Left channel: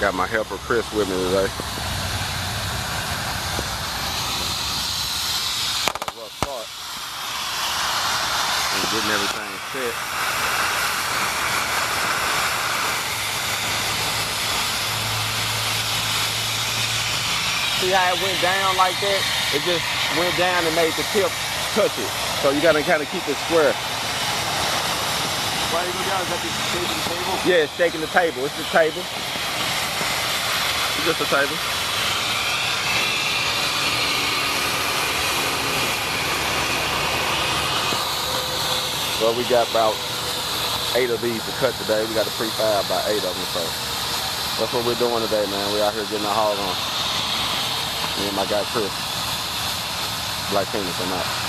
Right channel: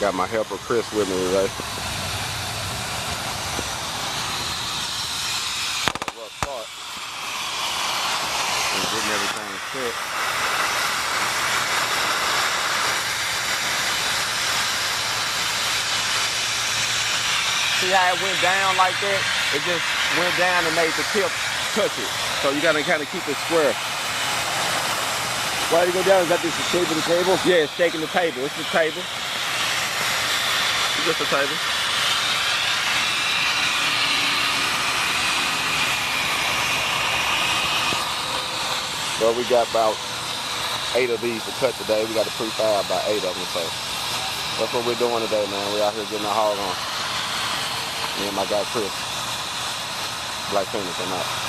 Got my helper Chris with me today. A rough start. And getting everything set. See how it went down like that? It just went down and made the tip touch it. So you gotta kind of keep it square. Why do you go down? Is that just shaking the table? Yeah, it's shaking the table. It's the table. It's just a table. Well, we got about 8 of these to cut today. We got to prefab about 8 of them, so that's what we're doing today, man. We're out here getting our hog on. Me and my guy Chris. B.L.A.C.K, I'm out.